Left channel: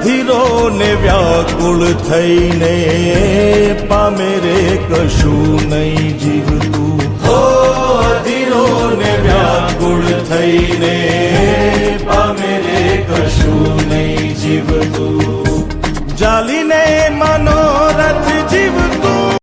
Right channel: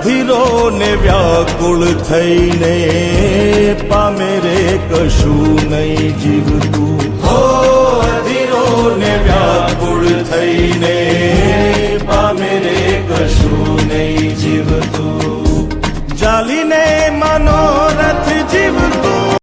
અધીરો ને વ્યાકુળ થઈને પામે રે કશું નહીં જીવતું. હો અધીરો ને વ્યાકુળ થઈને પામે રે કશું નહીં જીવતું. જાલીને માનો